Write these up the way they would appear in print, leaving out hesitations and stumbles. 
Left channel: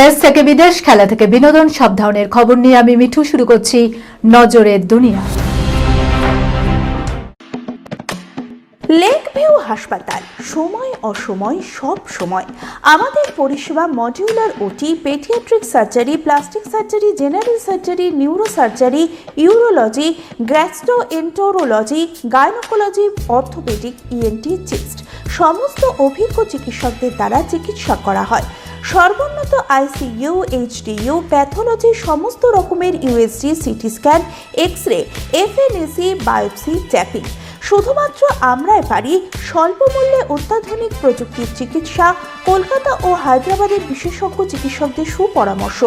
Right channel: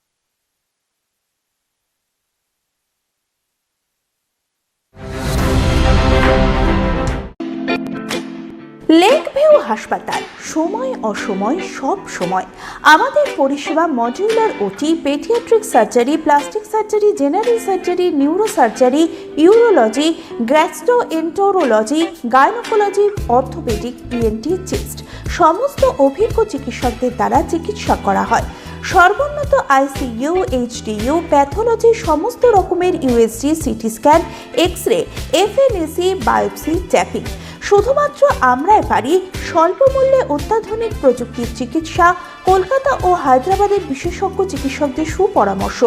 দেশ থেকে বিদেশ, খেলা থেকে বিনোদন, সব ধরনের খবর নিয়ে আমি মিঠু শুরু করছি নজরের দুনিয়া। লেক ভিউ হাসপাতাল, সময় অসময় সব সময় আমাদের পরিষেবা modular OT, paediatric surgery, plastic surgery, general surgery, neuro surgery, urology, gastroenterology, gynaecology, orthopaedic, ENT, chest সমস্ত অভিজ্ঞ চিকিৎসকদের দ্বারা চিকিৎসা করা হয়। সর্বোন্নত আইসিইউ, এইচডিইউ, প্যাথোলজি, সমস্ত রকমের USG, CT scan, X-ray, FNAC, biopsy, tapping. শুধুমাত্র আমরাই পারি স্বল্প মূল্যে অত্যাধুনিক প্রযুক্তির চিকিৎসা, কলকাতা ও হায়দ্রাবাদের বিশেষজ্ঞ চিকিৎসকদের সুপরামর্শ,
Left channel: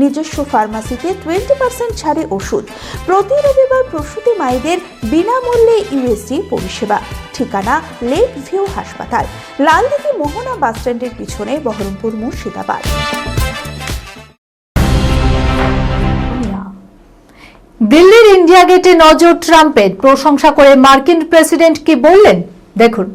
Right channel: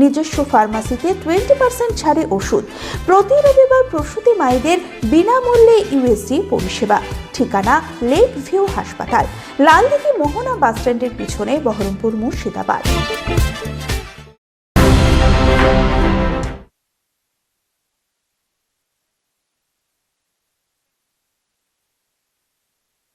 নিজস্ব ফার্মাসিতে 20% ছাড়ে ওষুধ, প্রতি রবিবার প্রসূতি মায়েদের বিনামূল্যে ইউএসজি পরিষেবা। ঠিকানা লেক ভিউ হাসপাতাল, লালদিঘি মোহনা বাসস্ট্যান্ডের পিছনে, বহরমপুর, মুর্শিদাবাদ। দিল্লির ইন্ডিয়া গেটে নজর ট্রাম্পের, প্রশংসা করে মার্কিন প্রেসিডেন্ট কি বললেন দেখুন।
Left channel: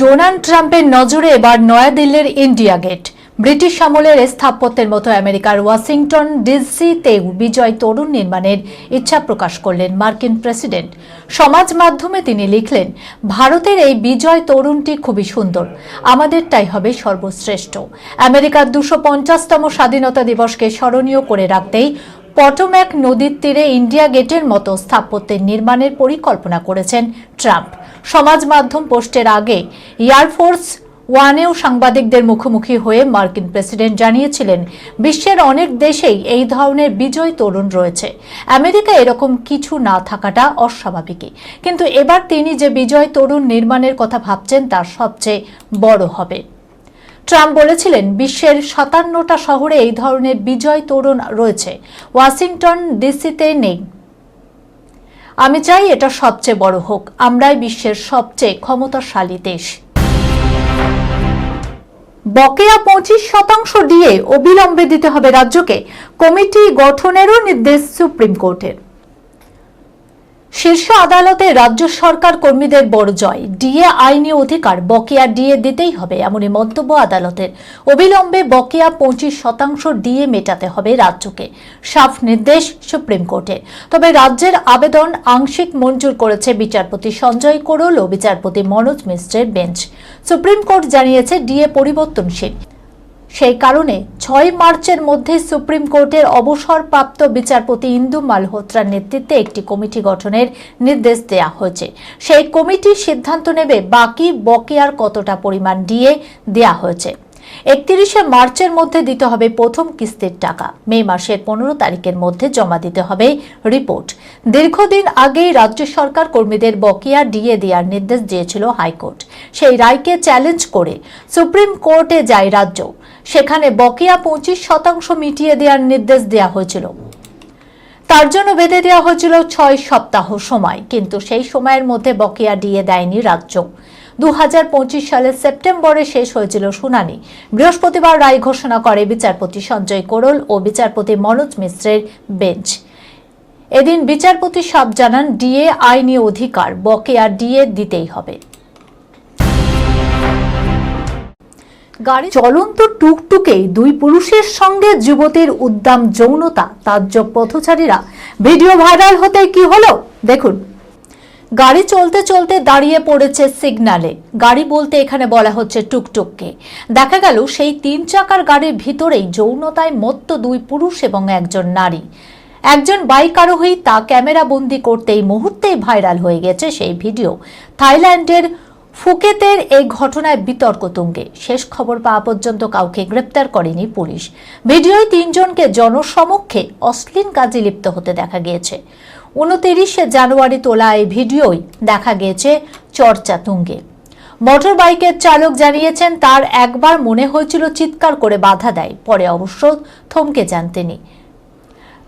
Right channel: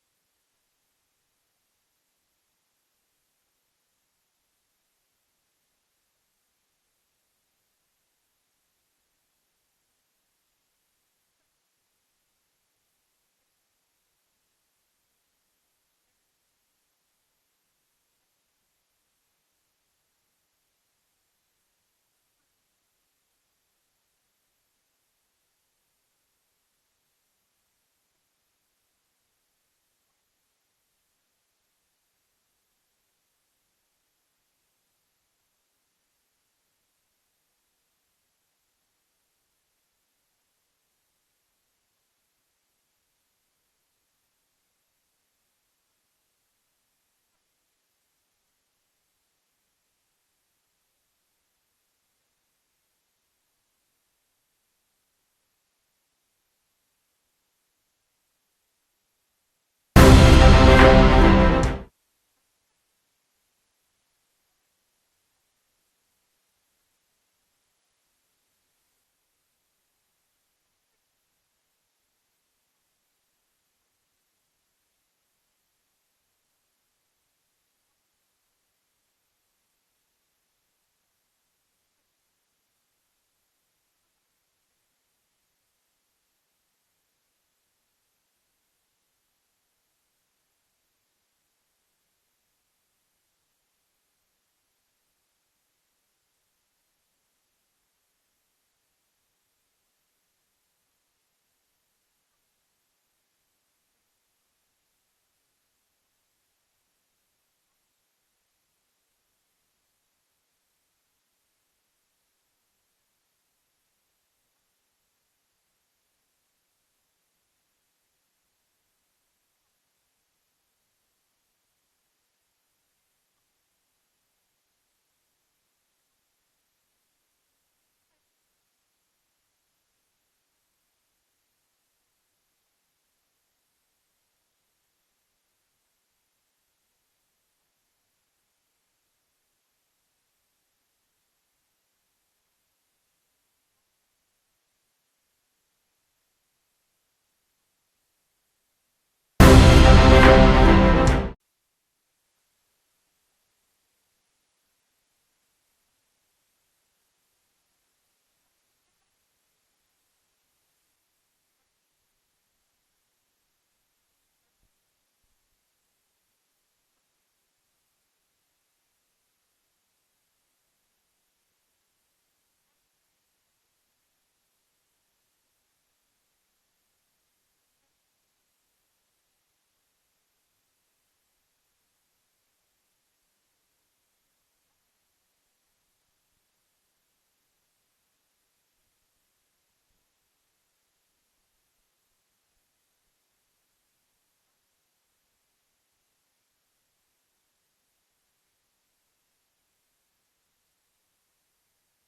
ডোনাল্ড ট্রাম্পের নজরে এবার নয়াদিল্লির ইন্ডিয়া গেট। ব্রিটিশ আমলের স্থাপত্যের মতো আমেরিকার ওয়াশিংটন ডিসিতেও বিজয় তোরণ নির্মাণের ইচ্ছা প্রকাশ করলেন মার্কিন প্রেসিডেন্ট। সমাজ মাধ্যমে তিনি লিখলেন, ভারতের এই বিজয় তোরণটি খুবই সুন্দর, আমাদেরটাই হবে সর্বশ্রেষ্ঠ। আমেরিকার 250তম স্বাধীনতা দিবসকে স্মরণীয় করে রাখতেই পটোম্যাক নদীর তীরে ইন্ডিয়া গেটের মতো স্থাপত্যের নির্মাণের পরিকল্পনা করেছেন ট্রাম্প। সমাজ মাধ্যম পোস্টের আগে এয়ারফোর্স ওয়ানেও সাংবাদিকদের মুখোমুখি হয়ে মার্কিন প্রেসিডেন্ট জানিয়েছিলেন, বিশ্বের অনেক দেশেই এই ধরনের বিজয় তোরণ রয়েছে, আমেরিকা এরকম কিছু না থাকাটা অস্বাভাবিকই, কিন্তু এবার তিনি যে বিজয় তোরণ নির্মাণের কথা ভাবছেন তা সবচেয়ে বড় হবে। ট্রাম্প বলেছিলেন, বিশ্বের 57টা শহরে এই ধরনের বিজয় তোরণ রয়েছে, ওয়াশিংটন ডিসিতে নেই। আমি চাই এটা সবচেয়ে বড় হোক, আমরাই বিশ্বের সবচেয়ে ক্ষমতাশালী দেশ। বকেয়া 25% দিয়ে অবিলম্বে দিতে হবে রাজ্যকে, কমিটি গঠনেরও নির্দেশ সুপ্রিম কোর্টের। শীর্ষ আদালতে রাজ্য সরকার কর্মীদের বড় জয়, ডিএ আইনি অধিকার, বকেয়া ডিএ দিতেই হবে এমনই মন্তব্য আদালতের। অবিলম্বে বকেয়া 25% ডিএ মেটাতে হবে রাজ্যকে, সাফ নির্দেশ সুপ্রিম কোর্টে। তবে রাজ্যের আবেদন আংশিক মঞ্জুর করেছে বিচারপতি সঞ্জয় কোরল ও বিচারপতি মনোজ মিশ্রের বেঞ্চ। সুপ্রিম কোর্ট জানিয়েছে, ডিএ পরিবর্তনশীল, সেই কারণে 6 মার্চের মধ্যে সুপ্রিম কোর্টের অবসরপ্রাপ্ত বিচারপতি ইন্দু মালহোত্রার নেতৃত্বে একটি কমিটি গঠনের নির্দেশ দেওয়া হয়েছে। সেই কমিটি সিদ্ধান্ত নেবে বাকি বকেয়ার কতটা পরিমাণ ডিএ দেওয়া হয়েছে। 31শে মার্চের মধ্যে দিতে হবে প্রথম কিস্তির টাকা, মে মাসের 15 তারিখের মধ্যে জমা দিতে হবে রিপোর্ট। দীর্ঘদিন আগেই রাজ্য সরকার কর্মীদের বকেয়া ডিএ দেওয়ার নির্দেশ দিয়েছিল হাইকোর্ট। সেই রায়কে চ্যালেঞ্জ করে সুপ্রিম কোর্টে যায় রাজ্য, সেখানে বকেয়া 25% মিটিয়ে দেওয়ার নির্দেশ দেওয়া হয়েছিল। তার জন্য বেঁধে দেওয়া হয়েছিল 6 সপ্তাহ সময়, কিন্তু সেই সময়ের মধ্যে বকেয়া ডিএ দেয়নি রাজ্য। 2025 সালের সেপ্টেম্বরে শেষ হয়েছিল শুনানি। বৃহস্পতিবার রায় ঘোষণা করে বিচারপতি সঞ্জয় কোরল ও বিচারপতি মনোজ মিশ্রের বেঞ্চ। এদিন বিচারপতি সাফ জানান, ডিএ আইনি অধিকার, বকেয়া ডিএ দিতেই হবে। গাড়ি চলন্ত টুকটুকে 2 পুরুষের সঙ্গে যুবতীর উদ্দাম যৌনতা, তাজ্জব পথচারীরা। ভিডিও ভাইরাল হতে কি হলো দেখুন। গাড়ি চলতে চলতে দাঁড়িয়ে পড়েছে সিগন্যালে, গাড়ি বলতে এখানে বলা হচ্ছে টুকটুককে। দেখা গেল সেই 3 চাকার গাড়ির ভিতরেই যৌনতায় মত্ত 2 পুরুষ এবং একজন নারী। একজন বাইক আরোহী তা ক্যামেরা বন্দি করতেই মুহূর্তেই ভাইরাল হয়ে গেছে সেই ভিডিও। থাইল্যান্ডের ফুকেতের এই ঘটনায় বিতর্ক তুঙ্গে। শেষ খবর পাওয়া পর্যন্ত কাউকে গ্রেপ্তার করেনি পুলিশ। ভিডিওয় 3 জনকে জনসমক্ষে অশ্লীল কাজে লিপ্ত হতে দেখা গিয়েছে। 29শে জানুয়ারি তোলা এই ভিডিওই দেখা গিয়েছে চর্চা তুঙ্গে। মোটর বাইকের চালক জানিয়েছেন, তার একবার মনে হয়েছিল চিৎকার করে বাধা দেয়, পরে অবশ্য থমকে যান তিনি।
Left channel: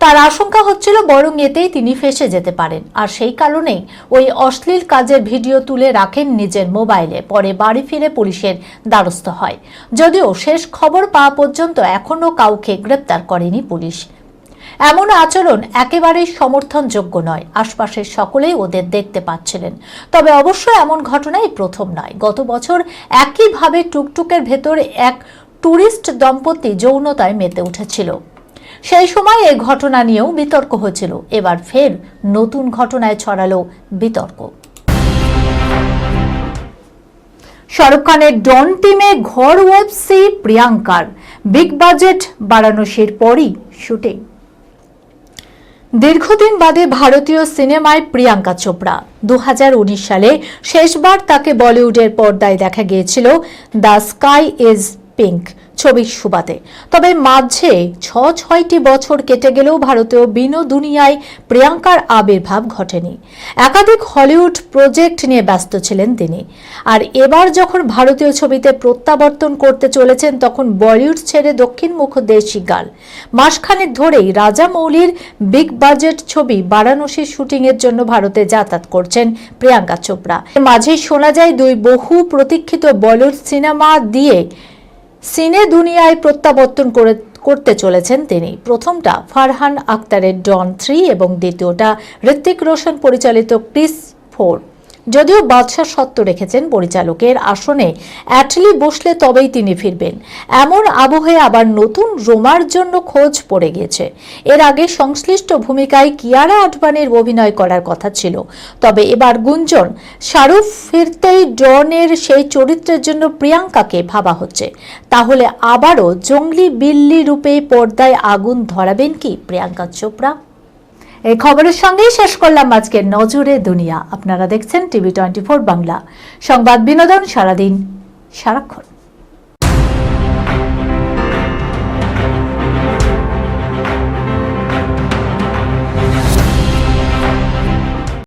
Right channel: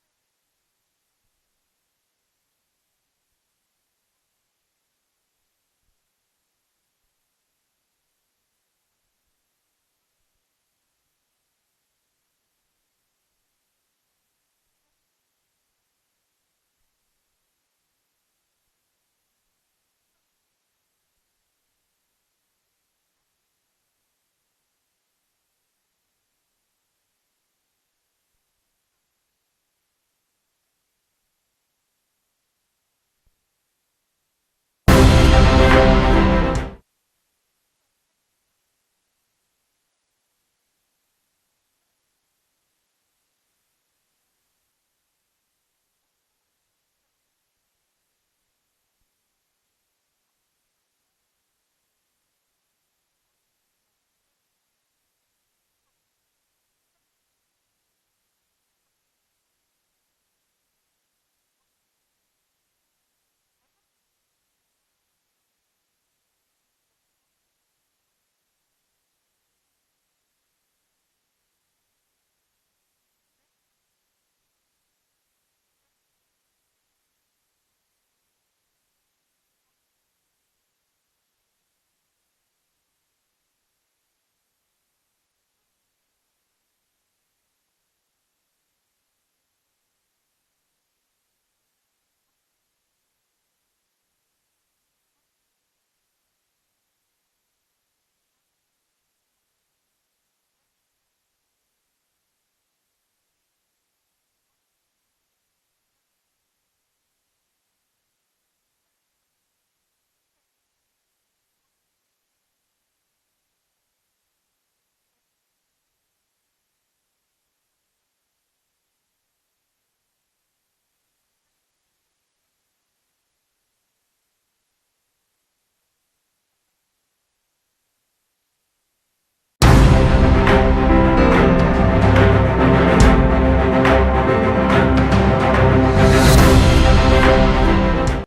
তার আশঙ্কা হচ্ছিল বরং এতেই তিনি ফেঁসে যেতে পারেন, আর সেই কারণেই ওই অশ্লীল কাজের ভিডিও তুলে রাখেন নিজের মোবাইলে। পরে বাড়ি ফিরে পুলিশের দ্বারস্থ হয়। যদিও শেষ খবর পাওয়া পর্যন্ত এখনো কাউকে গ্রেপ্তার করেনি পুলিশ। এমন আচরণ একেবারেই সমর্থনযোগ্য নয়, আশপাশের সকলেই ওদের দেখতে পাচ্ছিলেন। তবে অবশ্য এমন ঘটনাই প্রথম নয়। গত বছর একইভাবে টুকটুকের ভেতর এক ট্যুরিস্ট দম্পতি যৌনতায় মেতে উঠেছিল। সেই সময় এই ঘটনা নিয়েও বিতর্ক হয়েছিল। এবার ফের নতুন ঘটনায় ছড়ালো বিতর্ক। শাহরুখ খানের ডন টিমে ঘর ওয়েবসি প্রিয়াঙ্কার, বিগ বাজেট বারাণসীর পরই শুটিং। দীর্ঘদিন বাদে ভারতীয় সিনেমায় প্রিয়াঙ্কা চোপড়া। 2019 সালে শেষবার তাকে বলিউডের পর্দায় দেখা গিয়েছিল দ্য স্কাই ইজ পিঙ্ক ছবির সুবাদে। তবে মাঝে 6টি বছর কেটে গেলেও ভারতীয় দুনিয়ায় প্রিয়াঙ্কার আবির্ভাব ঘটেনি। একাধিক হলিউড প্রজেক্ট নিয়ে ব্যস্ত ছিলেন তিনি। আর এবার যখন ভারতীয় ছবিতে প্রত্যাবর্তন করতে চলেছেন, তখন বলিউড ছেড়ে দক্ষিণমুখ দেশি গাল। মাসখানেক ধরেই রাজামৌলির বিগ বাজেট ছবি বারাণসীর শুটিংয়ের জন্য ভারতে যাতায়াত করছেন প্রিয়াঙ্কা চোপড়া। মাঝে শোনা যায় দুই বহু প্রতীক্ষিত বলিউড সিনেমা দিয়ে সিনে দুনিয়ায় প্রত্যাবর্তন করতে চলেছেন তিনি। প্রথমটা ফারহান আখতারের ডন 3 এবং দ্বিতীয়টা ঋত্বিক রোশন পরিচালিত ক্রিস 4। যদিও বাদশা সত্য রেখেছেন পরিচালকের আসনে অ্যাটলি বসলে তবেই তিনি ফিরবেন, এমন আবহে আবার নতুন রোমার জন্য খোঁজ পড়ে গিয়েছে। এর আগে সংশ্লিষ্ট ভূমিকায় কিয়ারা আডবাণীর অভিনয় করার কথা ছিল। তবে এবার গুঞ্জন, শাহরুখ ফিরতেই ডনের সেই চরিত্রের জন্য প্রিয়াঙ্কাকে ভাবা হচ্ছে। তাহলে আবারও জঙ্গলি বিল্লি রূপে পর্দায় আগুন ধরাবেন কি প্রিয়াঙ্কা চোপড়া? এই খবরের সঙ্গেই শেষ করলাম আজকের নজরে দুনিয়া। আপনারা দেখছেন TV24 বাংলা, সংবাদ বিনোদন সারাদিন সারাক্ষণ।